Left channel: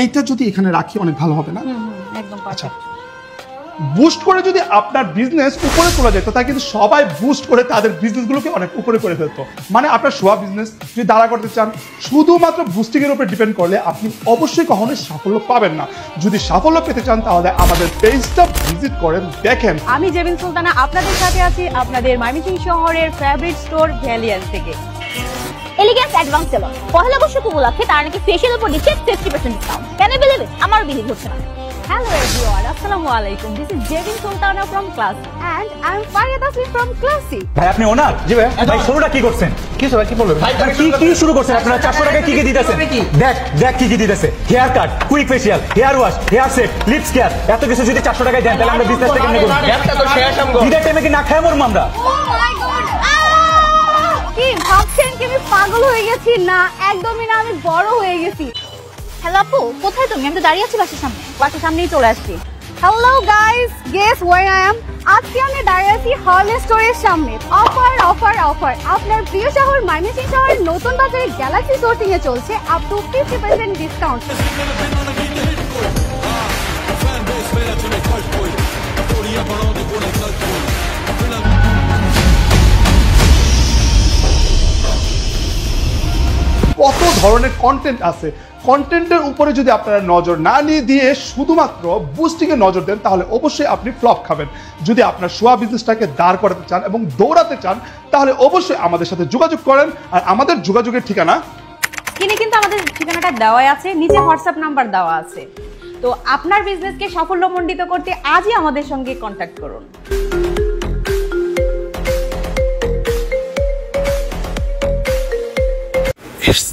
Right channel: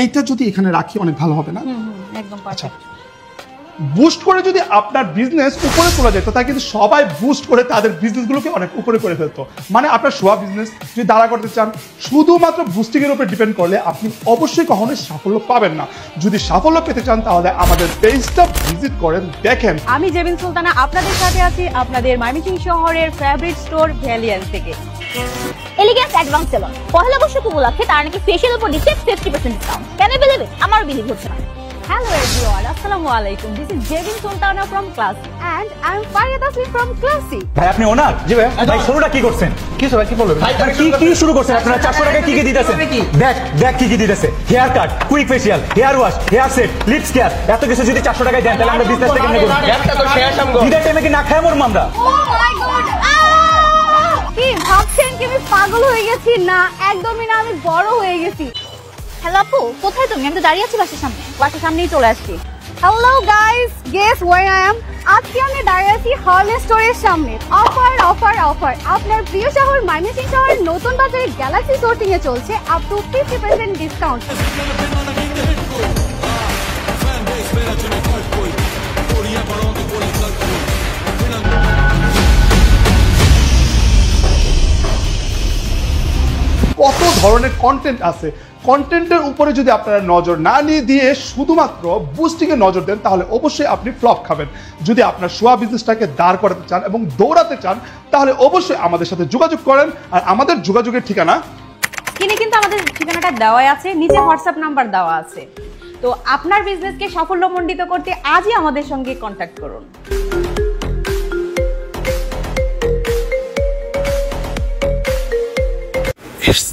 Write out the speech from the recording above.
এইটা যদি এখানে রাখি অনেক ভালো হবে না? একদম আচ্ছা, বুস্ট করে যদি আপনার বিজনেস উপরে তোলা যেত তাই কিন্তু সবাই বুস্ট করে তাদের বিজনেসগুলোকে অনেক উপরে করে ফেলতো। মানে আপনার শোয়া বিজনেস যদি দাঁড়া করতে চান শুধুমাত্র বুস্টিং এর উপর ডিপেন্ড করলে আপনি অবশ্যই কখনোই সাফল্য পাবেন না। যদি সাফল্য পেতে চান তাহলে আমাদের পেজটা ভিজিট করেন, দেখেন। আমি জেবিন সুলতানা আপনাদের সাথে আছি আপনাদের ময়মনসিংহ শহরের ফেভারিট স্টোর ভ্যালিয়ান্স থেকে। এলিগেন্স অ্যাডভান্স সেলন পহেলা বর্ষ উপলক্ষে তারা নাকি ফেশিয়াল উপর দিচ্ছে 50% ডিসকাউন্ট। কেন পেলে আমার বিলি হচ্ছে না। Hello everyone, Assalamu alaikum. This is Jevin Sultana from Class and I am Farid Asif from Classy. ভাই আপনি ওনার? জি ভাই। শুরুটা কি করছেন? কি বললেন? ভাই কি শুরু করছেন? আপনি 400 টাকা কি দিতেছেন? কি দেখ কি দিতেছে? Haircut, quick facial, hair wash, hair set, lips care. এত কিছু যদি 400 টাকায় দেন তাহলে আমরা বিজনেস থেকে নেব। একটা তো শেষ আমগো। এটা কি না খায় মরব আমরা? ও মাই গড। কি ভাবছেন তুমি পাগল হয়ে গেছি না? একদমই না, আমি বড় হয়ে গেছি। কোথায় তুমি? আমি তো দাঁড়িয়ে আছি বাসার সামনেই চলে আসছি। Hello guys, guess way I am. আজকে আমি দাঁড়িয়ে আছি হলি স্টোরের সামনে। Offer offer offer. আপনার প্রিয় শহর ময়মনসিংহ শহরের নতুন বাজারে গ্যালাক্সি স্টোর থেকে চলছে আপ টু 50% ডিসকাউন্ট। কত ধরনের কন্টেন্ট আছে, কন্টেন্টের উপরে যদি আপনারা নজর না দিয়ে শুধুমাত্র বুস্টিং এ নজর দেন তাহলে অবশ্যই আপনি ফ্লপ খাবেন। যদি আপনার শোয়া বিজনেসটাকে দাঁড় করাতে চান এবং দৌড়াতে চান তাহলে অবশ্যই আমাদের সাথে যোগাযোগ করেন। আর আমাদের যোগাযোগের ঠিকানা স্ক্রিনে কিন্তু আমাদের ঠিকানাটা দেওয়াই আছে, নিচে হোয়াটসঅ্যাপ নাম্বার দেওয়া আছে। তো আপনার বিজনেসকে সাফল্যমণ্ডিত করতে আজই আমাদের সঙ্গে কন্ট্যাক্ট করুন। It's